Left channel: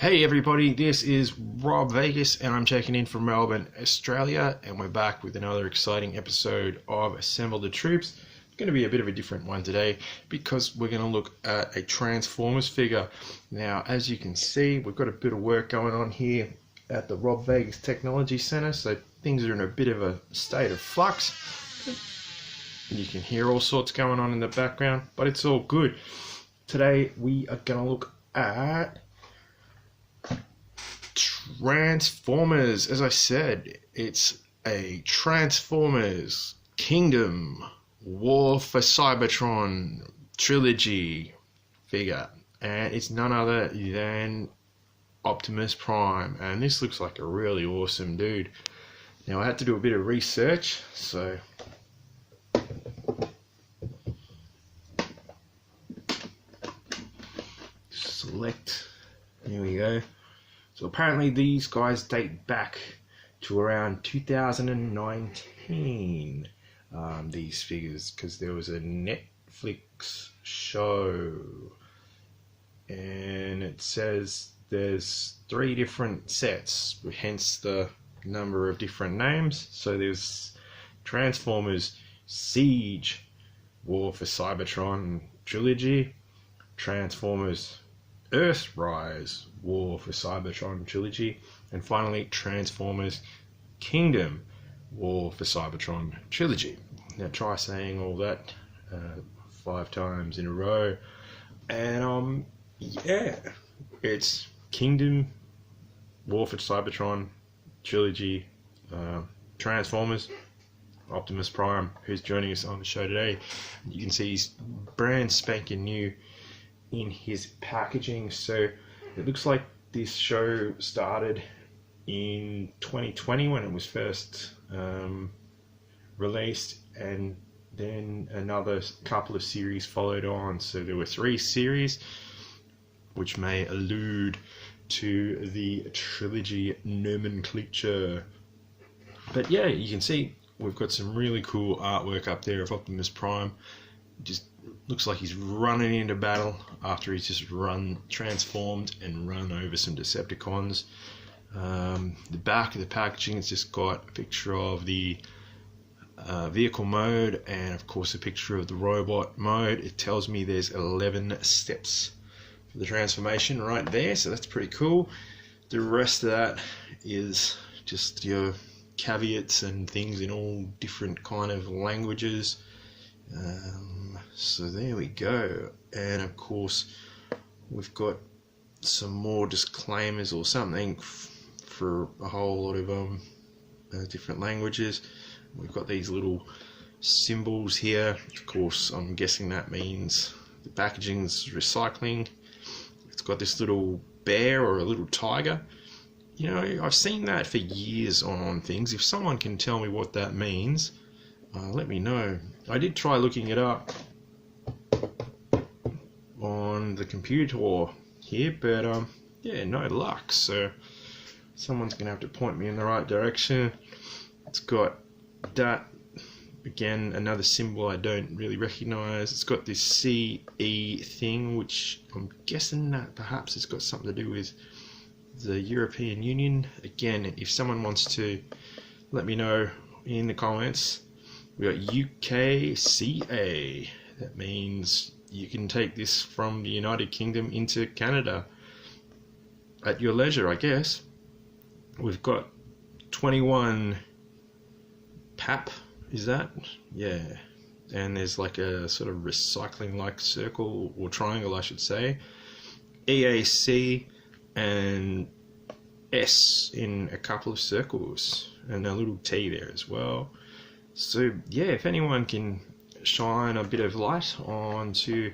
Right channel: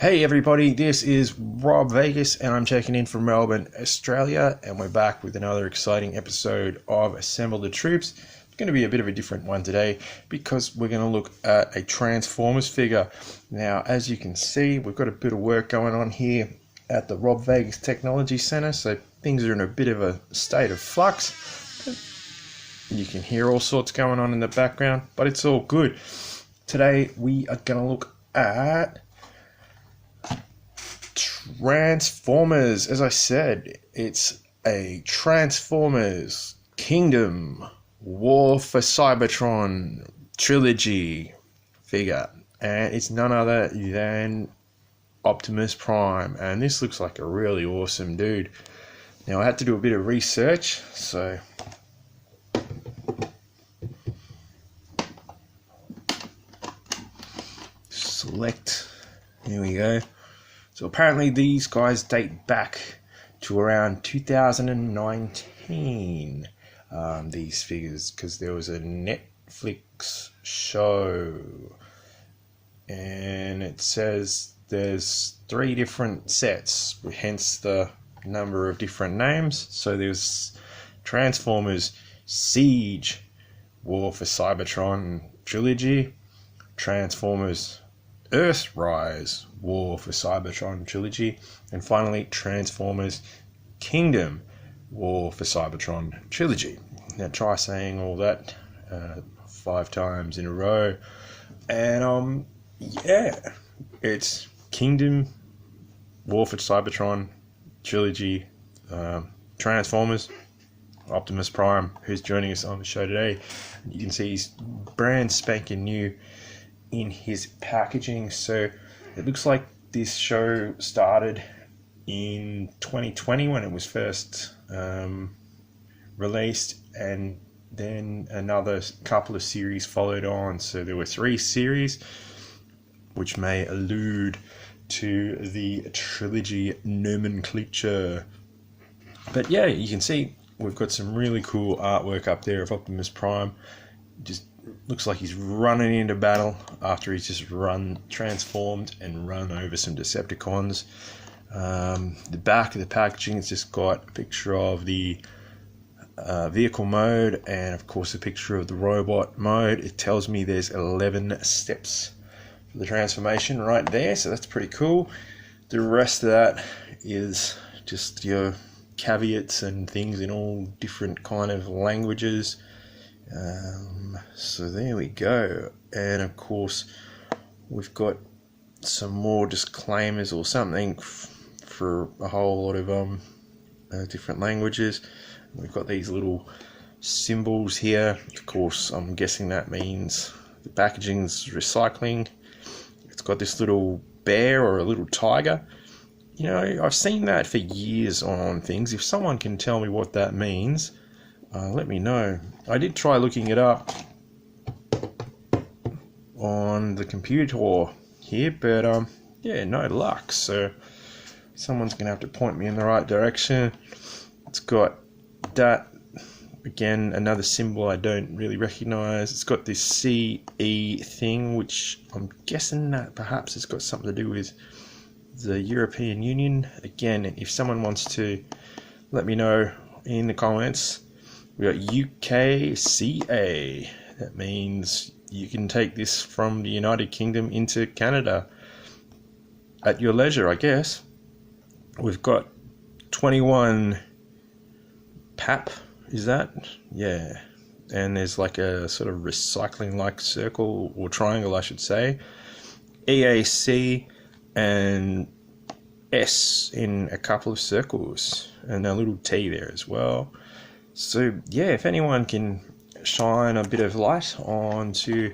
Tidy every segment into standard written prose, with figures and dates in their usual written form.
Hey everybody, this is Rob Vegas and I'm checking in from Melbourne, Australia, and we're back with another exciting episode of Assemble the Troops. It's going to be a bit of a different one today because we're going to look at a Transformers figure. Now, as you can see, we've got a bit of work going on here at the Rob Vegas Technology Centre, so things are in a bit of a state of flux. You can hear all sorts going on in the background, but it's all good. Today we are going to look at Transformers. As I said, it's a Transformers Kingdom War for Cybertron trilogy figure, and it's none other than Optimus Prime, and this looks like a really awesome dude. Now I had to do a bit of research, so select, here we go. So apparently these guys date back to around 2019, these figures, because there was a Netflix show, and it says there's 3 different sets, hence the number of different names. So there's Transformers Siege War for Cybertron trilogy, Transformers Earthrise War for Cybertron trilogy, and finally Transformers Kingdom War for Cybertron trilogy. Now try saying all that 5 times in a row, and yeah, it's Kingdom War for Cybertron trilogy, Transformers, Optimus Prime, who's joining us on the show today. You can see he's brand spanking new in his packaging. So it looks like this show started in 2020 when it was first released, and then another couple of series followed on. So there were 3 series, which may allude to the trilogy nomenclature. But yeah, you can see we've got some really cool artwork up there of Optimus Prime. Just looks like he's running into battle after he's just transformed and run over some Decepticons. The back of the packaging has just got a picture of the vehicle mode, and of course a picture of the robot mode. It tells me there's 11 steps for the transformation right there, so that's pretty cool. The rest of that is just your caveats and things in all different kind of languages. So there we go, and of course we've got some more disclaimers or something for a whole lot of different languages. We've got these little symbols here. Of course, I'm guessing that means the packaging's recycling. It's got this little bear or a little tiger. You know, I've seen that for years on things. If someone can tell me what that means, let me know. I did try looking it up on the computer here, but yeah, no luck. So someone's gonna have to point me in the right direction. It's got that, again, another symbol I don't really recognize. It's got this CE thing, which I'm guessing that perhaps it's got something to do with the European Union. Again, if someone wants to let me know in the comments. We got UKCA. That means you can take this from the United Kingdom into Canada at your leisure, I guess. We've got 21 PAP, is that? Yeah. And there's like a sort of recycling like circle or triangle, I should say. EAC and S in a couple of circles, and a little T there as well. So yeah, if anyone can shine a bit of light onto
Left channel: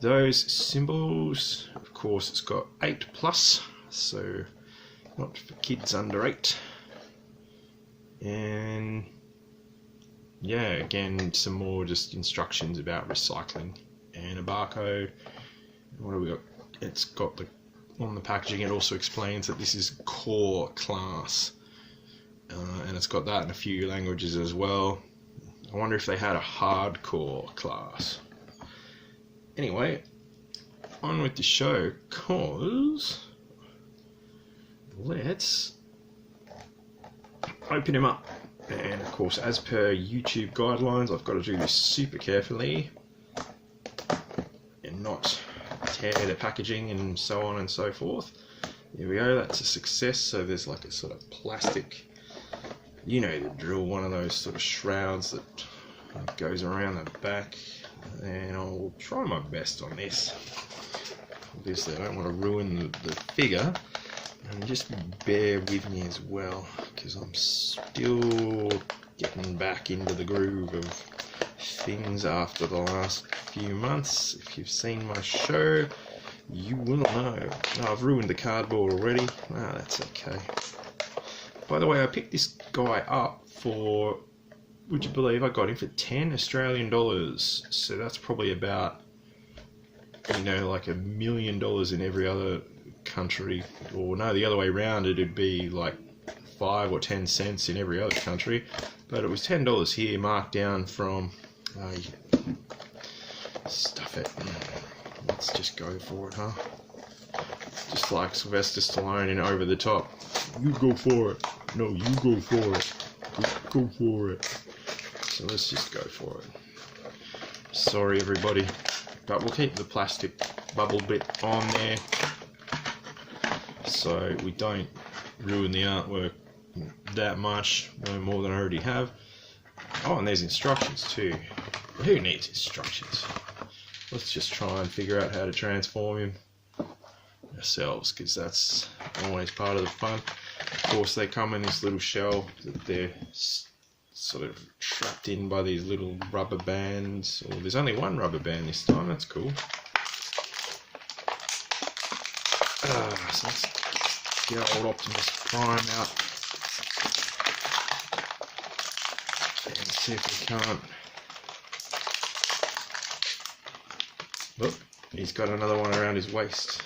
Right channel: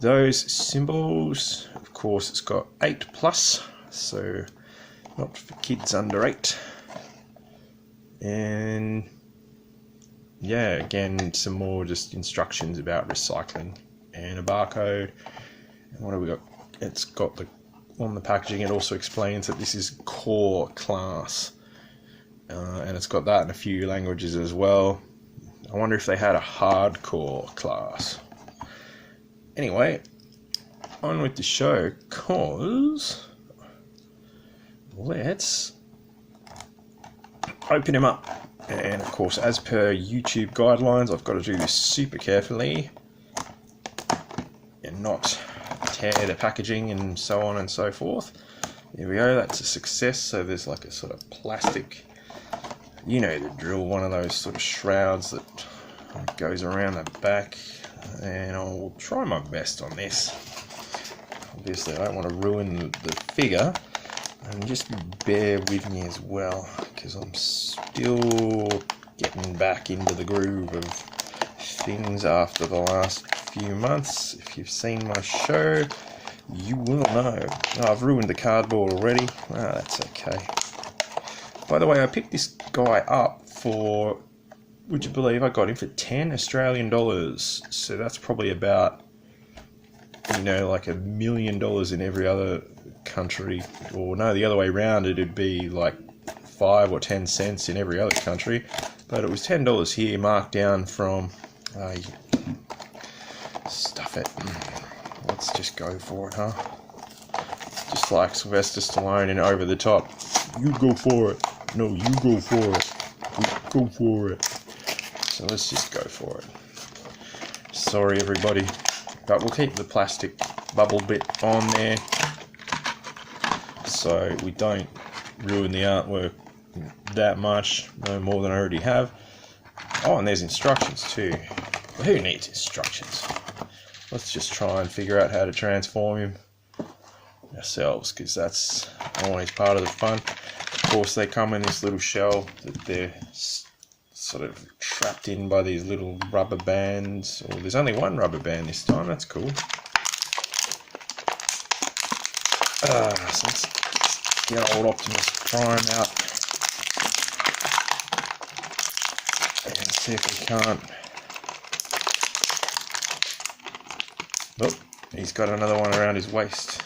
those symbols. Of course, it's got 8+, so not for kids under 8. And yeah, again, some more just instructions about recycling and a barcode. And what have we got? It's got on the packaging, it also explains that this is core class. And it's got that in a few languages as well. I wonder if they had a hardcore class. Anyway, on with the show, cause let's open him up. And of course, as per YouTube guidelines, I've got to do this super carefully and not tear the packaging and so on and so forth. There we go, that's a success. So there's like a sort of plastic, you know the drill, one of those sort of shrouds that goes around the back, and I'll try my best on this. Obviously I don't want to ruin the figure, and just bear with me as well, because I'm still getting back into the groove of things after the last few months. If you've seen my show, you will know. Oh, I've ruined the cardboard already. That's okay. By the way, I picked this guy up for, would you believe I got him for 10 Australian dollars? So that's probably about, you know, like $1 million in every other country. Or no, the other way around, it'd be like 5 or 10 cents in every other country. But it was $10 here, marked down from, stuff it. Let's just go for it, huh? Just like Sylvester Stallone in Over the Top. You go for it. No, you go for it. You go for it. So let's just go for it. Sorry, everybody. But we'll keep the plastic bubble bit on there so we don't ruin the artwork that much, no more than I already have. Oh, and there's instructions too. Who needs instructions? Let's just try and figure out how to transform him ourselves, because that's always part of the fun. Of course, they come in this little shell that they're sort of trapped in by these little rubber bands. Oh, there's only one rubber band this time, that's cool. So let's get old Optimus Prime out and see if we can't. Oh, he's got another one around his waist.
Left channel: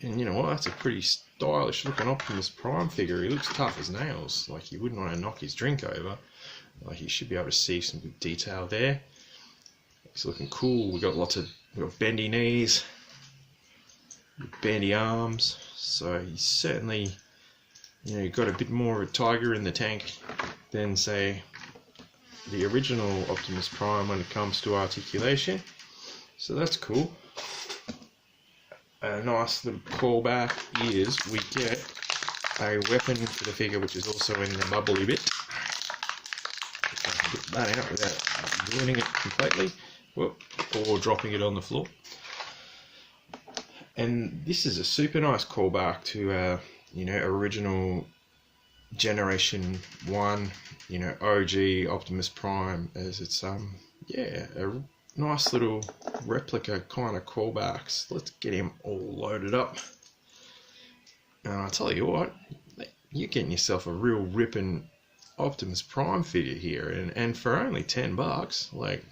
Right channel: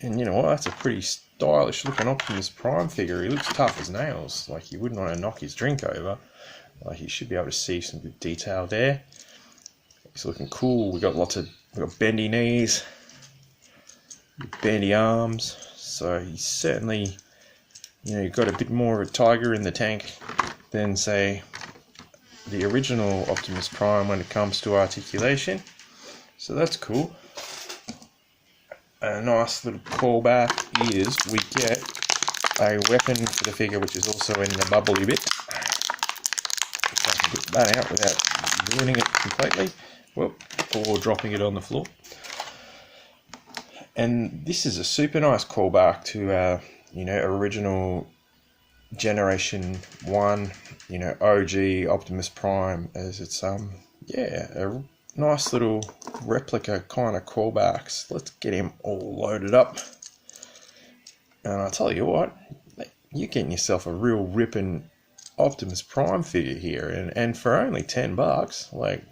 And you know what, that's a pretty stylish looking Optimus Prime figure. He looks tough as nails, like you wouldn't want to knock his drink over. Like you should be able to see some good detail there. He's looking cool. We've got bendy knees, bendy arms. So he's certainly, you know, got a bit more of a tiger in the tank than, say, the original Optimus Prime when it comes to articulation. So that's cool. A nice little callback is we get a weapon for the figure, which is also in the bubbly bit. If I can get that out without ruining it completely, or dropping it on the floor. And this is a super nice callback to, you know, original Generation 1, you know, OG Optimus Prime, as it's, yeah, a nice little replica kind of callbacks. Let's get him all loaded up. And I'll tell you what, you're getting yourself a real ripping Optimus Prime figure here, and for only $10, like,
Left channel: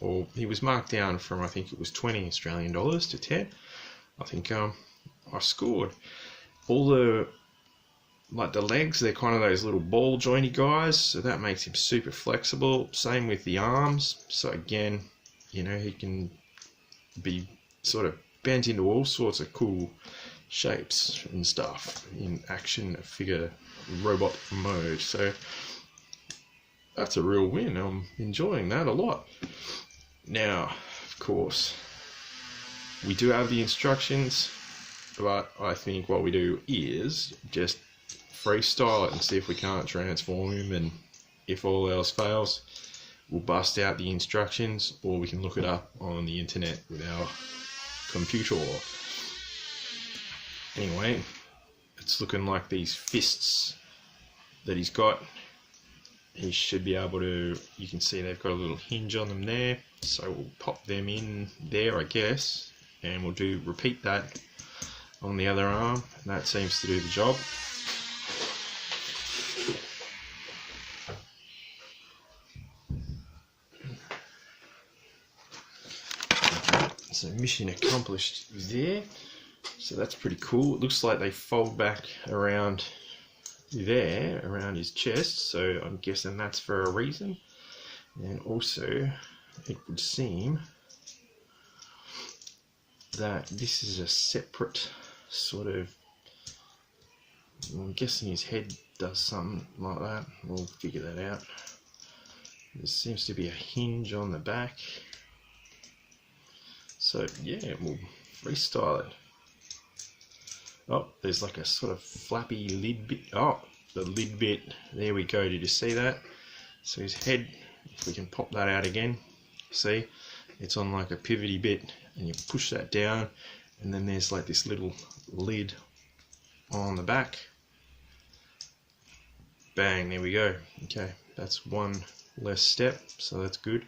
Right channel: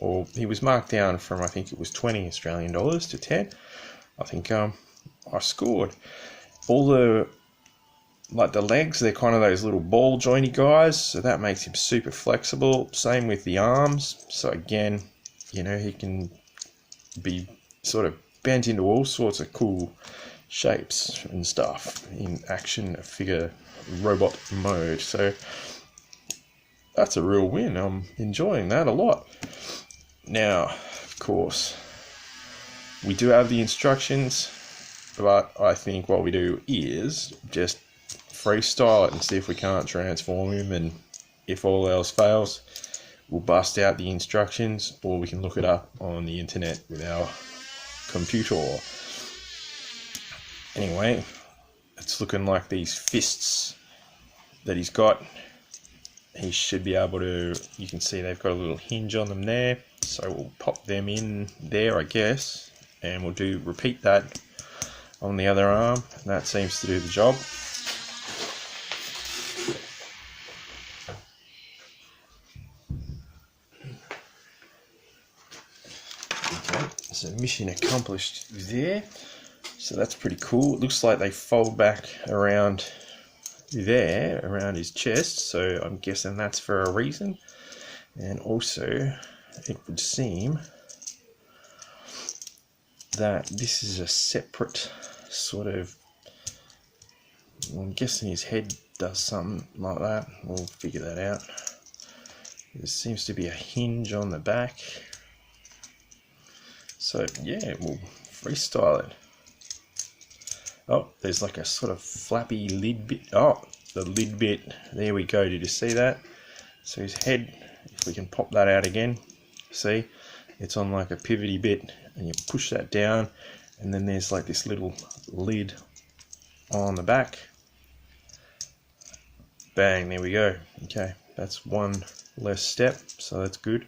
or he was marked down from, I think it was 20 Australian dollars to 10. I think I scored. All the, like the legs, they're kind of those little ball jointy guys, so that makes him super flexible. Same with the arms. So again, you know, he can be sort of bent into all sorts of cool shapes and stuff in action figure robot mode. So that's a real win. I'm enjoying that a lot. Now, of course, we do have the instructions, but I think what we do is just freestyle it and see if we can't transform him, and if all else fails, we'll bust out the instructions, or we can look it up on the internet with our computer. Anyway, it's looking like these fists that he's got, he should be able to, you can see they've got a little hinge on them there, so we'll pop them in there, I guess, and we'll repeat that on the other arm, and that seems to do the job. So mission accomplished there. So that's pretty cool. It looks like they fold back around there, around his chest, so I'm guessing that's for a reason. And also, it would seem that this is a separate sort of, I'm guessing his head does something like that. We'll figure that out. There seems to be a hinge on the back. So yeah, we'll freestyle it. Oh, there's like a sort of flappy lid bit. Oh, the lid bit. There we go. Did you see that? So his head, if we can pop that out again, see, it's on like a pivoty bit, and you push that down, and then there's like this little lid on the back. Bang, there we go. Okay, that's one less step, so that's good.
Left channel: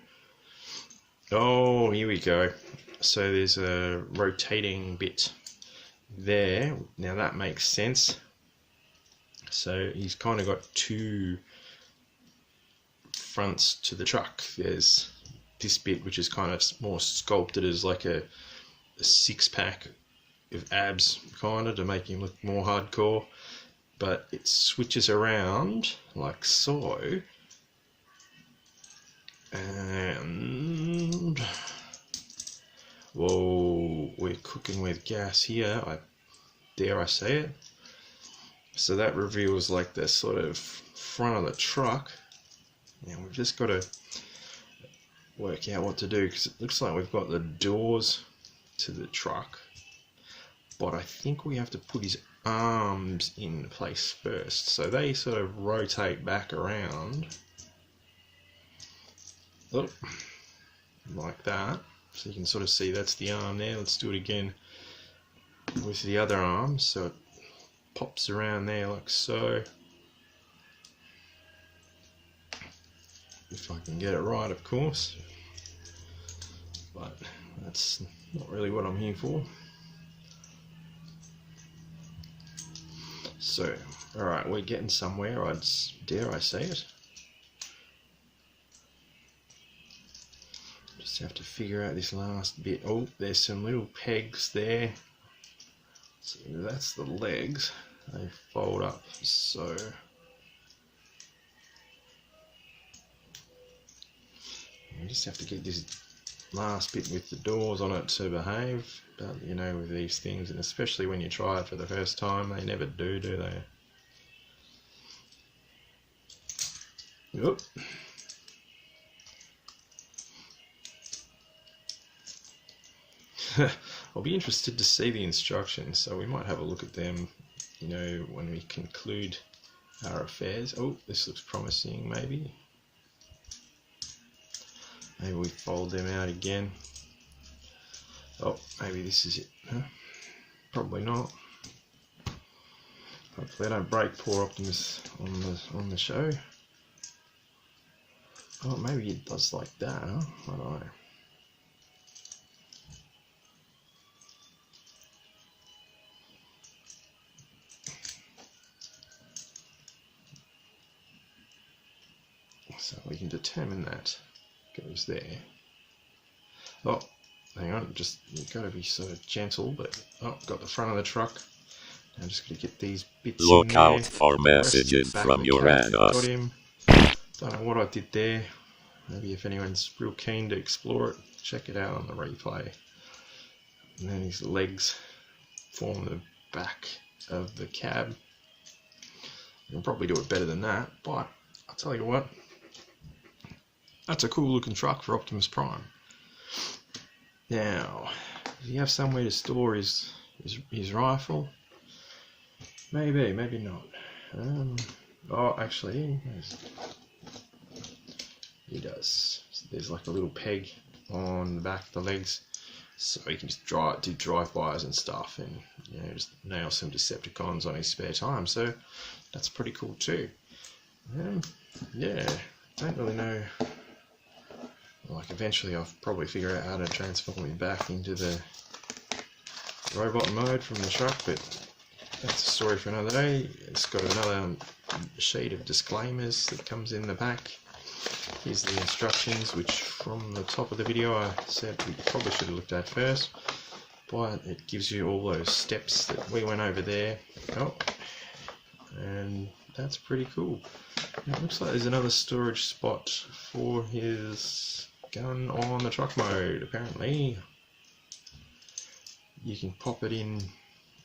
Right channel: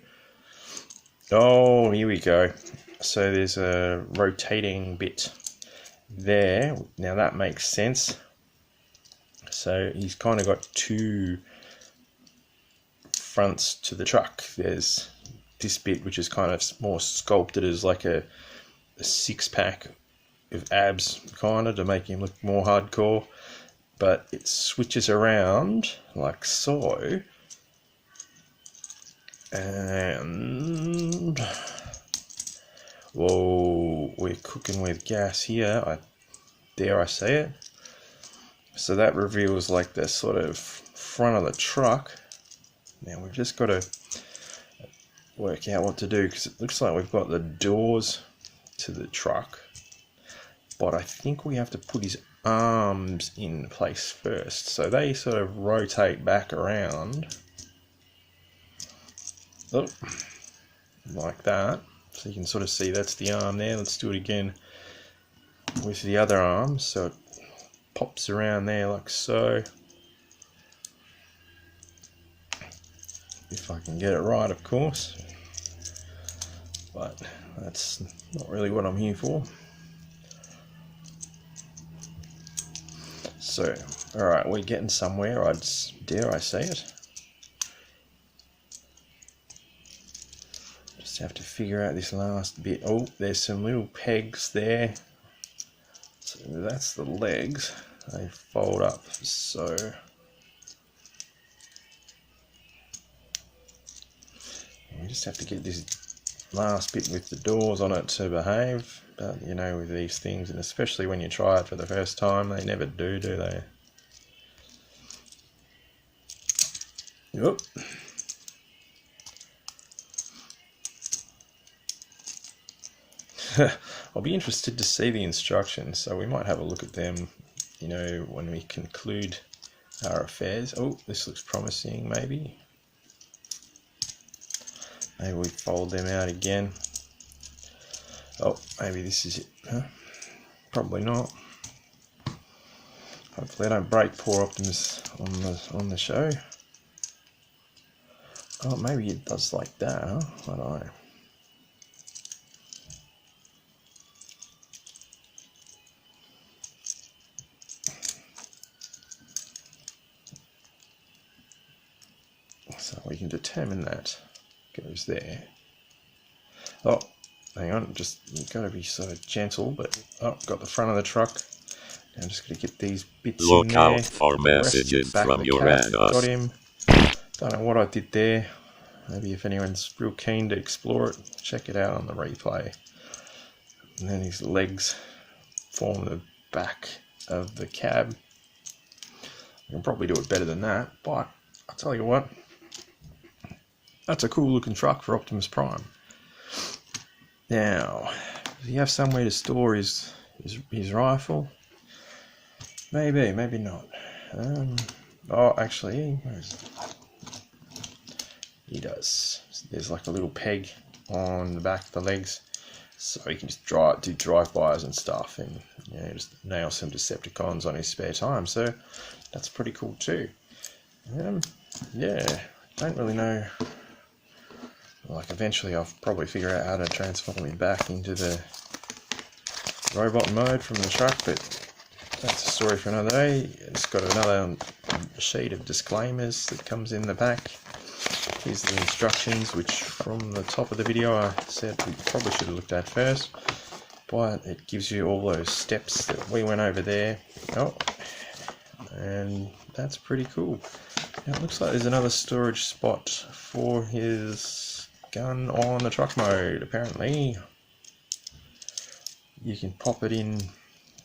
Oh, here we go. So there's a rotating bit there. Now that makes sense. So he's kind of got two fronts to the truck. There's this bit which is kind of more sculpted as like a six-pack of abs, kind of, to make him look more hardcore. But it switches around like so, and whoa, we're cooking with gas here, dare I say it. So that reveals like the sort of front of the truck. Now we've just got to work out what to do, because it looks like we've got the doors to the truck, but I think we have to put his arms in place first. So they sort of rotate back around, oh, like that. So you can sort of see that's the arm there. Let's do it again with the other arm. So it pops around there like so. If I can get it right, of course. But that's not really what I'm here for. So, alright, we're getting somewhere, dare I say it. Just have to figure out this last bit. Oh, there's some little pegs there. So that's the legs. They fold up, so. We just have to get this last bit with the doors on it to behave. But you know, with these things, and especially when you try it for the first time, they never do they? Yep. I'll be interested to see the instructions, so we might have a look at them, you know, when we conclude our affairs. Oh, this looks promising, maybe. Maybe we fold them out again. Oh, maybe this is it. Huh? Probably not. Hopefully I don't break poor Optimus on the show. Oh, maybe it does like that, huh? I don't know. So we can determine that goes there. Oh, hang on, just, you've got to be sort of gentle, but oh, got the front of the truck. Now I'm just going to get these bits in there. Look out for messages from Uranus. Got him. Don't know what I did there. Maybe if anyone's real keen to explore it, check it out on the replay. And then his legs form the back of the cab. I can probably do it better than that, but I'll tell you what, that's a cool looking truck for Optimus Prime. Now, does he have somewhere to store his rifle? Maybe, maybe not. Oh, actually, he does. There's like a little peg on the back of the legs, so he can just do drive-bys and stuff, and you know, just nail some Decepticons on his spare time. So that's pretty cool too. Yeah, don't really know. Like, eventually I'll probably figure out how to transform him back into the robot mode from the truck, but that's a story for another day. It's got another sheet of disclaimers that comes in the back. Here's the instructions, which from the top of the video I said we probably should have looked at first, but it gives you all those steps that we went over there. Oh, and that's pretty cool. Yeah, it looks like there's another storage spot for his gun on the truck mode, apparently. You can pop it in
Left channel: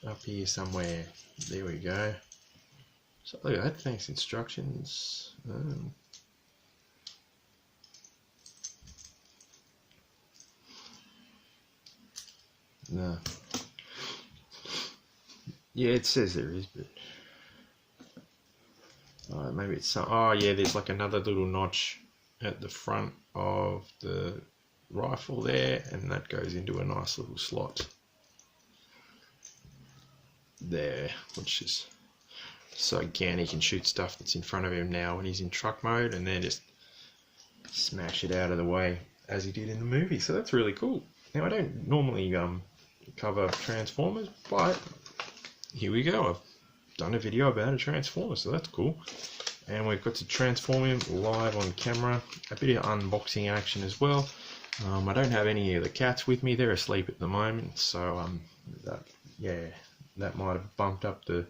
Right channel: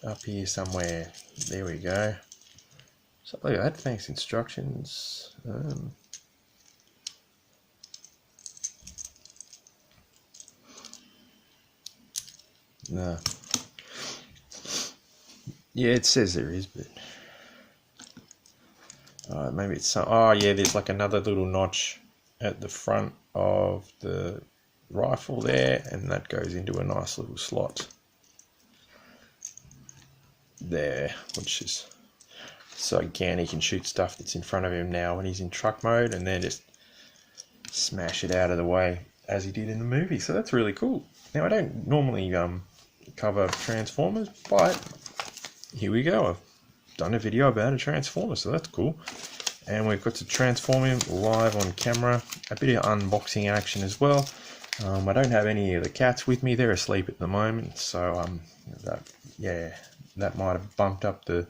up here somewhere. There we go. So look at that, thanks instructions. No. Yeah, it says there is, but maybe it's some. Oh yeah, there's like another little notch at the front of the rifle there, and that goes into a nice little slot there, which is so again he can shoot stuff that's in front of him now when he's in truck mode, and then just smash it out of the way as he did in the movie. So that's really cool. Now I don't normally cover Transformers, but here we go. I've done a video about a Transformer, so that's cool. And we've got to transform him live on camera. A bit of unboxing action as well. I don't have any of the cats with me. They're asleep at the moment, so that might have bumped up the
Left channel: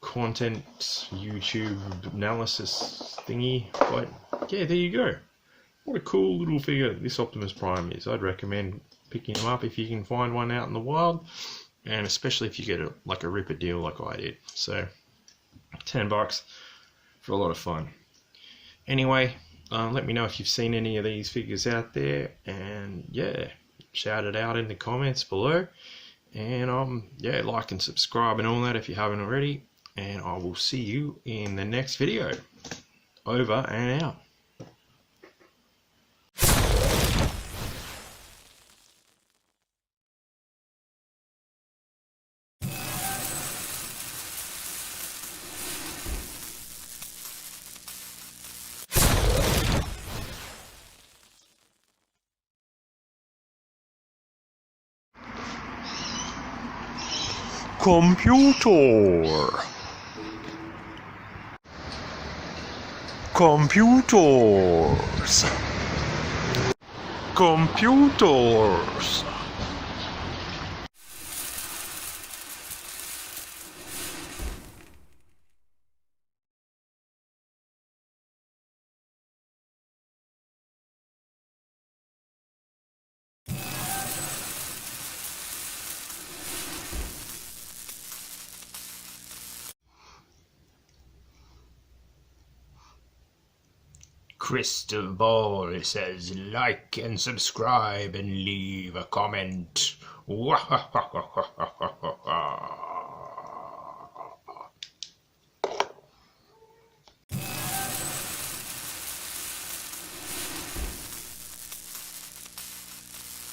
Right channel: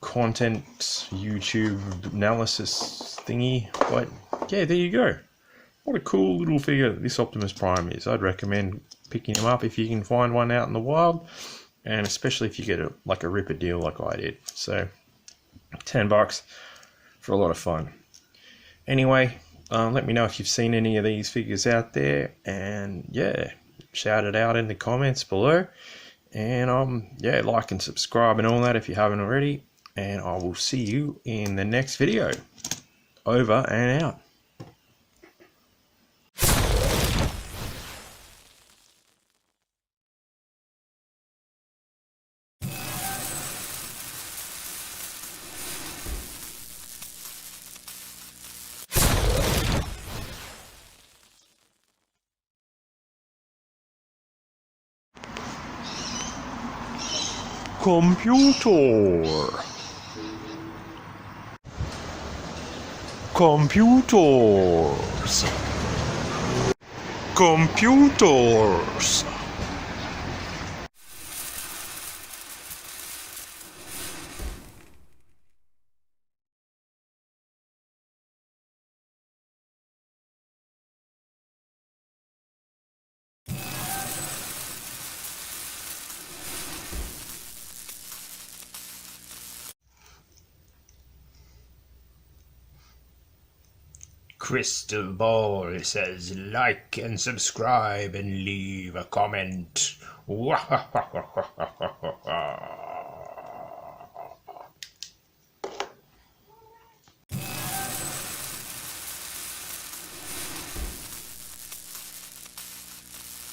content YouTube analysis thingy. But yeah, there you go. What a cool little figure this Optimus Prime is. I'd recommend picking him up if you can find one out in the wild, and especially if you get a ripper deal like I did. So $10 for a lot of fun. Anyway, let me know if you've seen any of these figures out there, and yeah, shout it out in the comments below. And like and subscribe and all that if you haven't already. And I will see you in the next video. Over and out. Computer. Computers. Computers. Crystal Ball says like and subscribe and leave a comment.